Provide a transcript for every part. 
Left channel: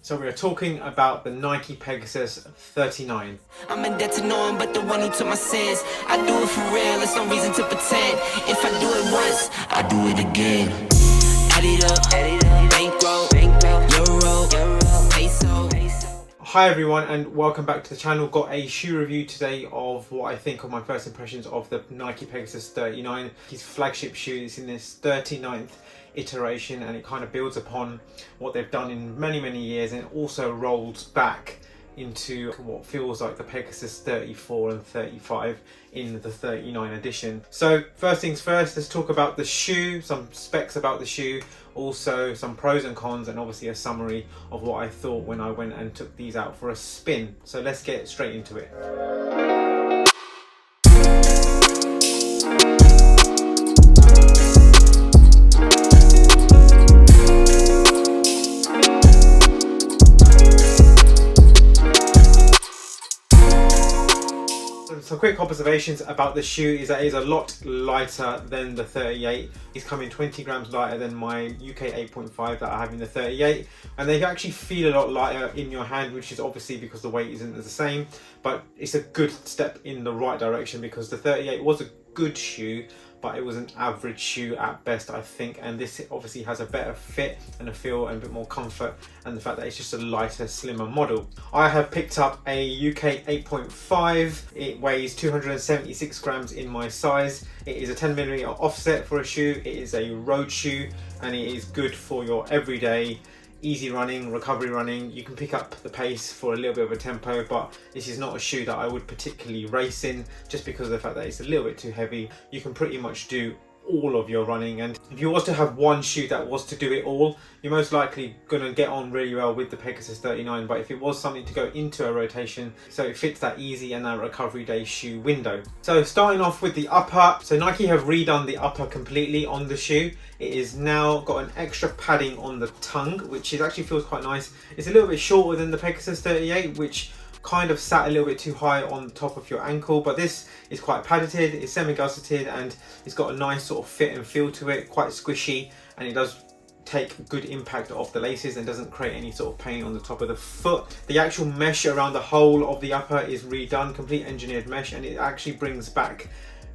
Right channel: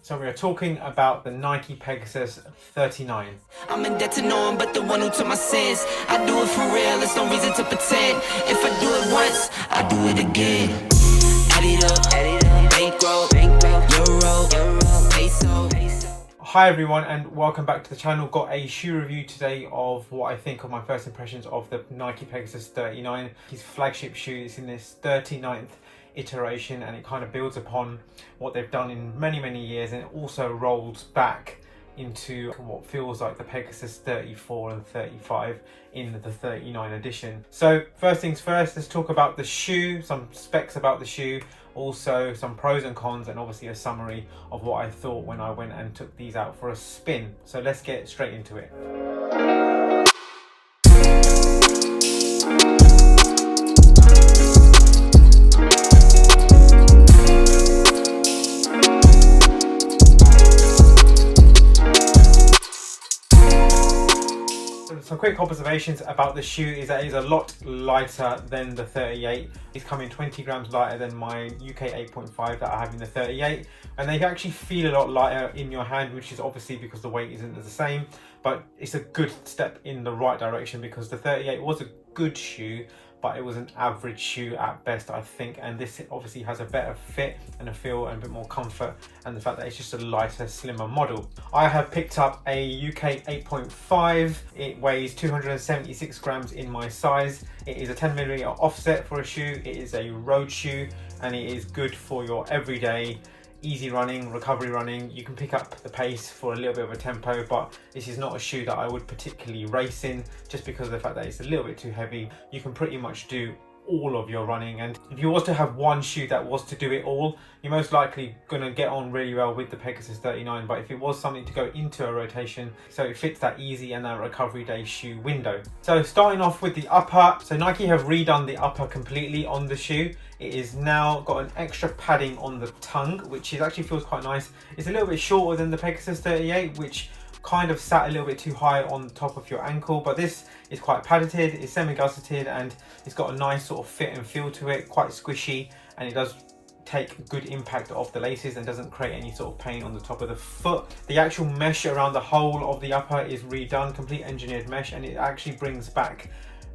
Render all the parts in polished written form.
So we are talking about the Nike Pegasus 39. I'm in debt to no one but the one who took my sins. I do it for real, there's no reason to pretend. If I do it once, I do it again. Add it up, bankroll, euro, peso. Hi everyone and welcome back to the channel. Got a shoe review today of what I think of my first impressions of the Nike Pegasus 39. His flagship shoe is in this 39th iteration, and it kind of builds upon what they've done in many years, and it also rolls back into what feels like the Pegasus 34 and 35 in the 39 edition. So first things first, let's talk about the shoe, some specs about the shoe, also some pros and cons, and obviously a summary of what I thought when I went and took these out for a spin. So let's get straight into it. Some quick observations about the shoe is that it is a lot lighter than the 38. It's coming 20 grams lighter than my UK 8.5 that I have in the 38, and they actually feel a lot lighter in your hand, which is obviously because the weight isn't the same, but it's a good step in the right direction because the 38 was a good shoe, but it was an average shoe at best, I think, and this obviously has a better fit and a feel and a bit more comfort, and the fact that it's just a lighter, slimmer model. I have picked up a UK 8.5. It weighs 276 grams in my size. It is a 10mm offset for a shoe. It is a road shoe, and it is good for your everyday easy running, recovery running. You can pick up the pace for a little bit of a tempo, but this is not a shoe that I would particularly race in just because of the fact that it's a little bit too heavy. You can pretty much do all of your running, and if you was to have one shoe that was to do it all, you're most likely going to get on really well with the Pegasus 39. But if it was something to go into a rotation, so it fits that easy and that recovery day shoe window. So starting off with the upper, so Nike have redone the upper completely on the shoe. It is now got an extra padding on the tongue, which is actually feels quite nice. It's a little bit shorter than the Pegasus 38, which kind of sat a little bit too high on top of your ankle, but this is quite padded, it's semi-gusseted, and it's got a nice sort of fit and feel to it, quite squishy, and it does take good impact off the laces and doesn't create any sort of pain on the top of the foot. The actual mesh around the whole of the upper is redone, complete engineered mesh, and it actually brings back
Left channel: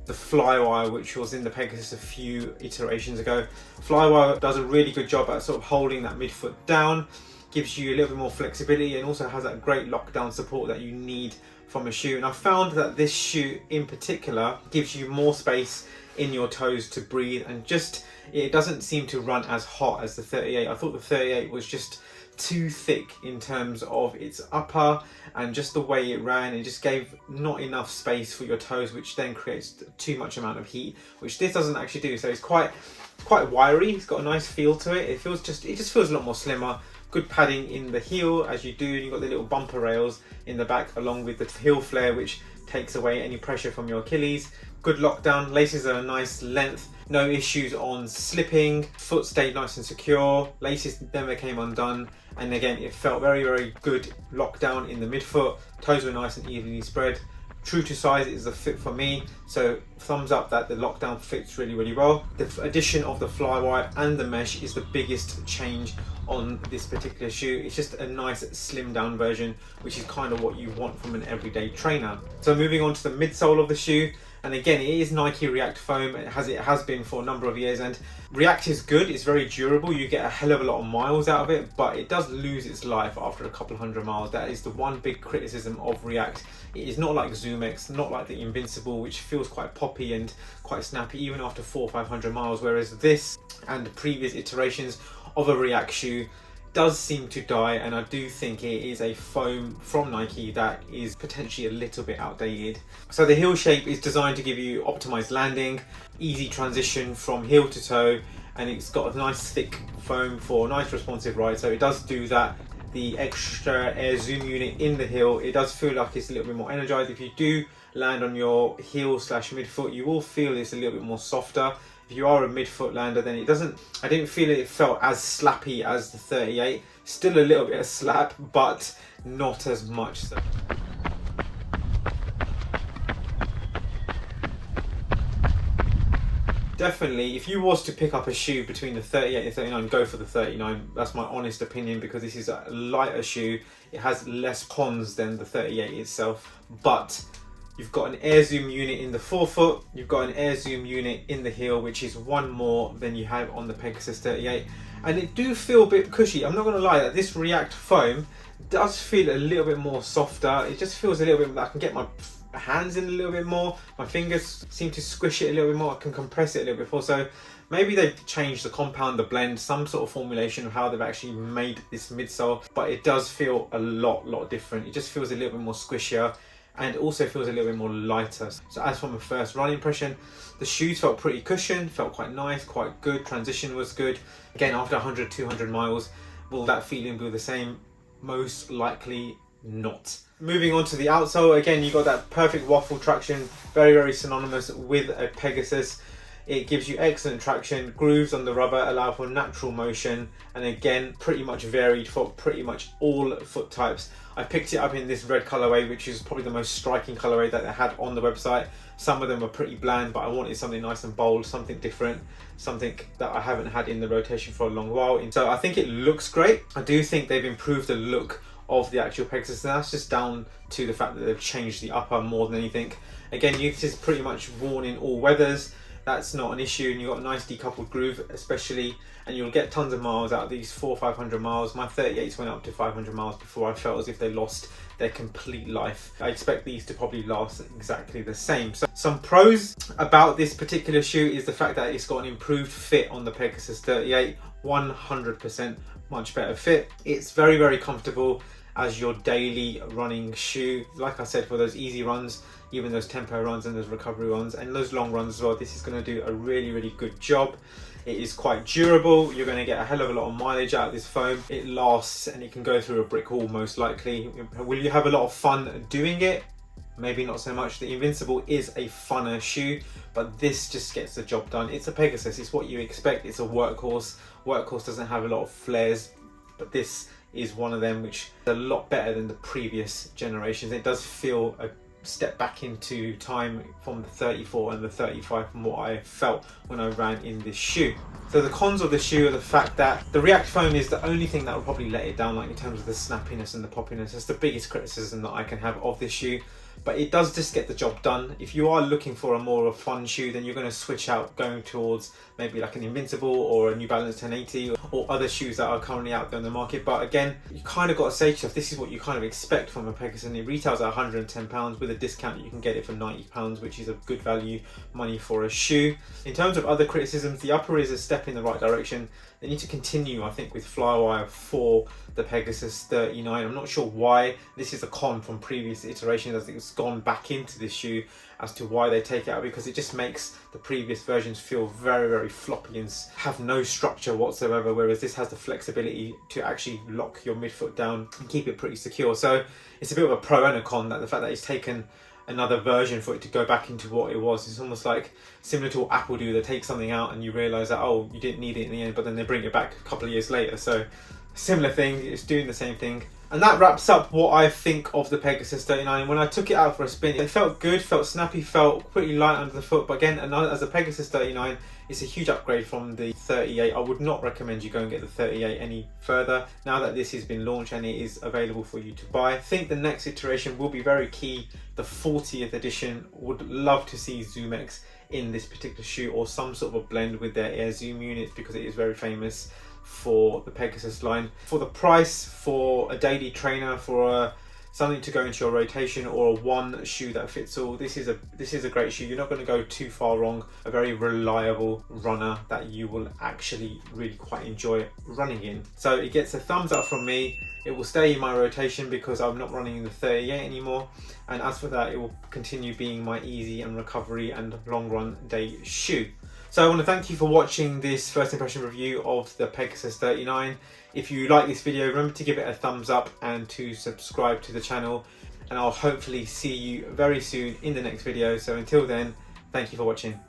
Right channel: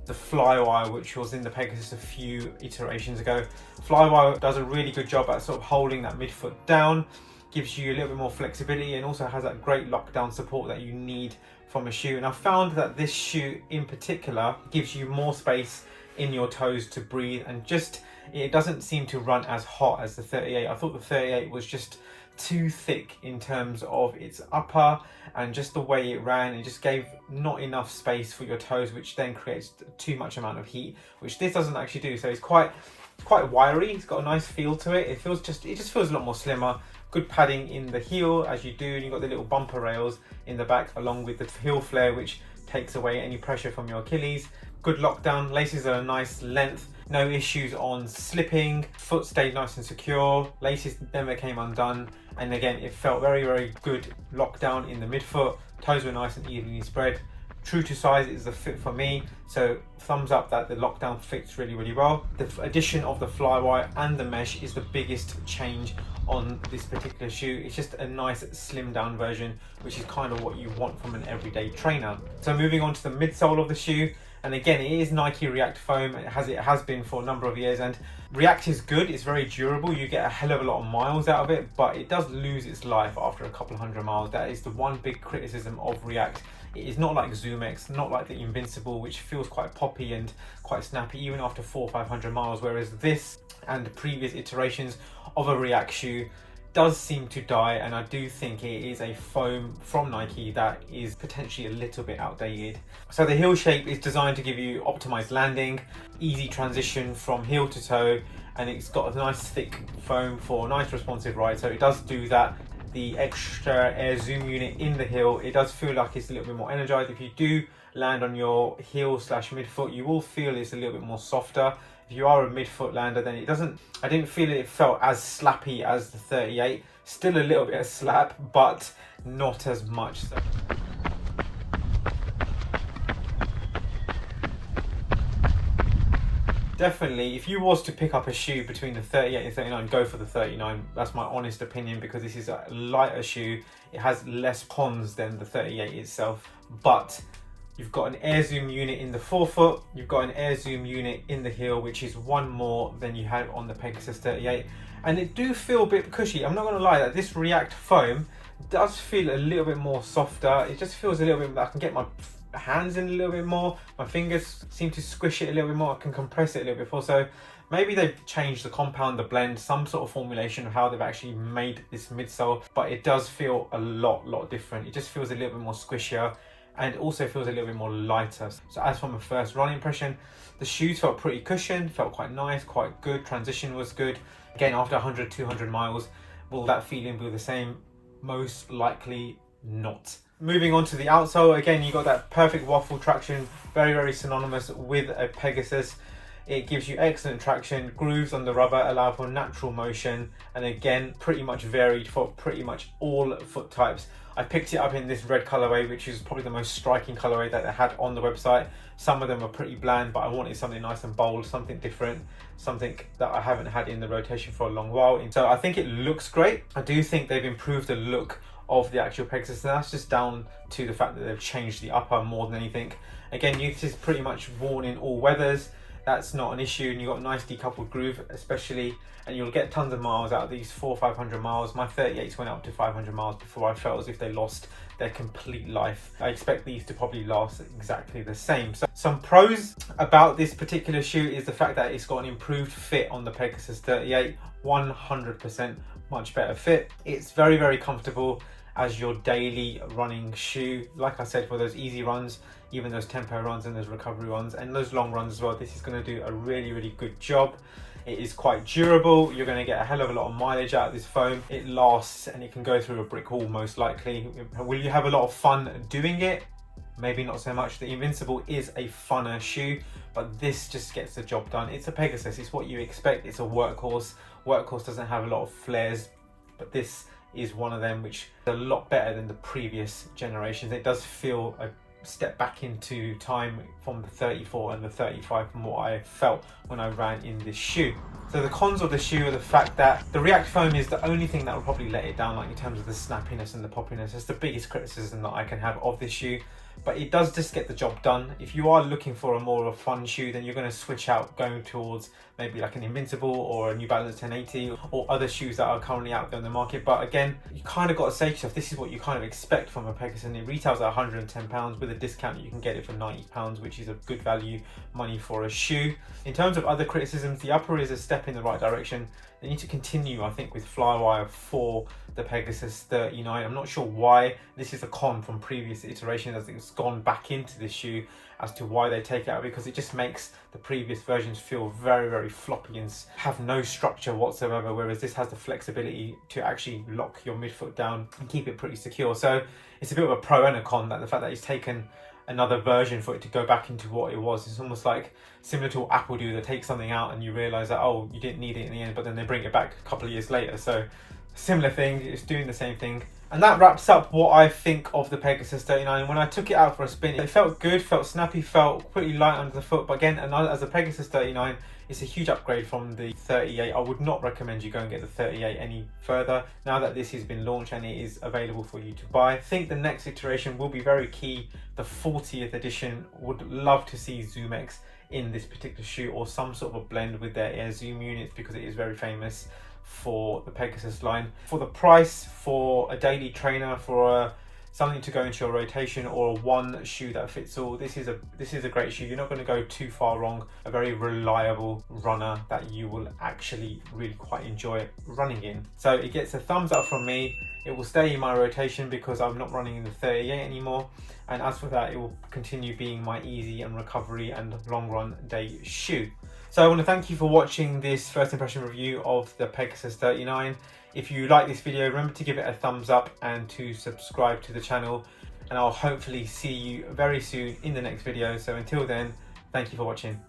the flywire, which was in the Pegasus a few iterations ago. Flywire does a really good job at sort of holding that midfoot down, gives you a little bit more flexibility, and also has that great lockdown support that you need from a shoe. And I found that this shoe in particular gives you more space in your toes to breathe, and just it doesn't seem to run as hot as the 38. I thought the 38 was just too thick in terms of its upper and just the way it ran, and just gave not enough space for your toes, which then creates too much amount of heat, which this doesn't actually do. So it's quite wiry. It's got a nice feel to it. It just feels a lot more slimmer. Good padding in the heel as you do, and you've got the little bumper rails in the back along with the heel flare, which takes away any pressure from your Achilles. Good lockdown, laces are a nice length, no issues on slipping, foot stayed nice and secure, laces never came undone, and again it felt very good lockdown in the midfoot, toes were nice and evenly spread. True to size is a fit for me, so thumbs up that the lockdown fits really well. The addition of the flywire and the mesh is the biggest change on this particular shoe. It's just a nice slimmed down version, which is kind of what you want from an everyday trainer. So moving on to the midsole of the shoe, and again it is Nike React foam. It has been for a number of years, and React is good, it's very durable, you get a hell of a lot of miles out of it, but it does lose its life after a couple of hundred miles. That is the one big criticism of React. It is not like ZoomX, not like the Invincible, which feels quite poppy and quite snappy even after 400 or 500 miles, whereas this and previous iterations of a React shoe does seem to die, and I do think it is a foam from Nike that is potentially a little bit outdated. So the heel shape is designed to give you optimized landing, easy transition from heel to toe, and it's got a nice thick foam for a nice responsive ride, so it does do that. The extra air zoom unit in the heel, it does feel like it's a little bit more energized. If you do land on your heel / midfoot, you will feel it's a little bit more softer. If you are a midfoot lander, then I didn't feel it felt as slappy as the 38. Still a little bit of slap, but not as much so. definitely, if you was to pick up a shoe between the 38 and 39, go for the 39. That's my honest opinion, because this is a lighter shoe. It has less cons than the 38 itself, but you've got an air zoom unit in the forefoot, you've got an air zoom unit in the heel, which is one more than you have on the Pegasus 38, and it do feel a bit cushy. I'm not going to lie, that this React foam does feel a little bit more softer. It just feels a little bit, I can get my hands in a little bit more, my fingers seem to squish it a little bit more, I can compress it a little bit more. So maybe they've changed the compound, the blend, some sort of formulation of how they've actually made this midsole, but it does feel a lot different. It just feels a little bit more squishier, and also feels a little bit more lighter. So as from a first run impression, the shoes felt pretty cushioned, felt quite nice, quite good, transition was good. Again, after 100-200 miles, will that feeling be the same? Most likely not. Moving on to the outsole, again, you got that perfect waffle traction, very synonymous with a Pegasus. It gives you excellent traction, grooves on the rubber allow for natural motion, and again, pretty much varied for pretty much all foot types. I picked it up in this red colorway, which is probably the most striking colorway that they had on the website. Some of them were pretty bland, but I wanted something nice and bold, something different, something that I haven't had in the rotation for a long while. And so I think it looks great. I do think they've improved the look of the actual Pegasus, and that's just down to the fact that they've changed the upper more than anything. Again, this is pretty much worn in all weathers. That's not an issue, and you've got a nice decoupled groove especially, and you'll get tons of miles out of these 400-500 miles. My 38s went up to 500 miles before I felt as if they lost their complete life. I expect these to probably last exactly the same. So some pros about this particular shoe is the fact that it's got an improved fit on the Pegasus 38, 100% much better fit. It's very comfortable as your daily running shoe. Like I said, for those easy runs, even those tempo runs and those recovery runs and those long runs as well, this is going to do a really good job. It is quite durable. You're going to get a hell of a lot of mileage out of this foam. It lasts, and it can go through a brick wall most likely. Will you have a lot of fun doing it? Maybe not so much. The Invincible is a funner shoe, but this just gets the job done. It's a Pegasus, it's what you expect. It's a workhorse. Workhorse doesn't have a lot of flares, but this is one of them, which is a lot better than the previous generations. It does feel a step back into time from the 34 and the 35 from what I felt when I ran in this shoe. So the cons of the shoe are the fact that the React foam is the only thing that will probably let it down, like in terms of the snappiness and the poppiness. That's the biggest criticism that I can have of this shoe, but it does just get the job done. If you are looking for a more of a fun shoe, then you're going to switch out going towards maybe like an Invincible or a New Balance 1080 or other shoes that are currently out there in the market. But again, you kind of got to say to yourself, this is what you kind of expect from a Pegasus, and it retails at £110. With a discount you can get it for £90, which is a good value money for a shoe. In terms of other criticisms, the upper is a step in the right direction. They need to continue, I think, with Flywire for the Pegasus 39. I'm not sure why. This is a con from previous iterations, as it's gone back into this shoe, as to why they take it out, because it just makes the previous versions feel very floppy and have no structure whatsoever, whereas this has the flexibility to actually lock your midfoot down and keep it pretty secure. So it's a bit of a pro and a con, that the fact that it's taken another version for it to go back into what it was. It's almost like similar to what Apple do. They take something out and you realize that, oh, you didn't need it in the end, but then they bring it back a couple of years later. So similar thing, it's doing the same thing. And that wraps up what I think of the Pegasus 39. When I took it out for a spin, it felt good, felt snappy, felt pretty light under the foot. But again, as a Pegasus 39, it's a huge upgrade from the 38. I would not recommend you go and get the 38 any further now that this has been launched and it is available for you to buy. I think the next iteration will be very key. The 40th edition, would love to see ZoomX in this particular shoe, or some sort of a blend with their Air Zoom units, because it is very famous for the Pegasus line. For the price, for a daily trainer, for something to go into your rotation, or a one shoe that fits all, this is a great shoe. You're not going to go too far wrong. A very reliable runner that you will actually really quite enjoy running in. So it gets a thumbs up from me. It will stay in my rotation because I'm not running in the 38 anymore, and as for that, it will continue being my easy and recovery and long run day shoe. So I want to thank you for watching this first impression review of the Pegasus 39. If you like this video, remember to give it a thumbs up and to subscribe to the channel, and I'll hopefully see you very soon in the next video. So until then, thank you for watching.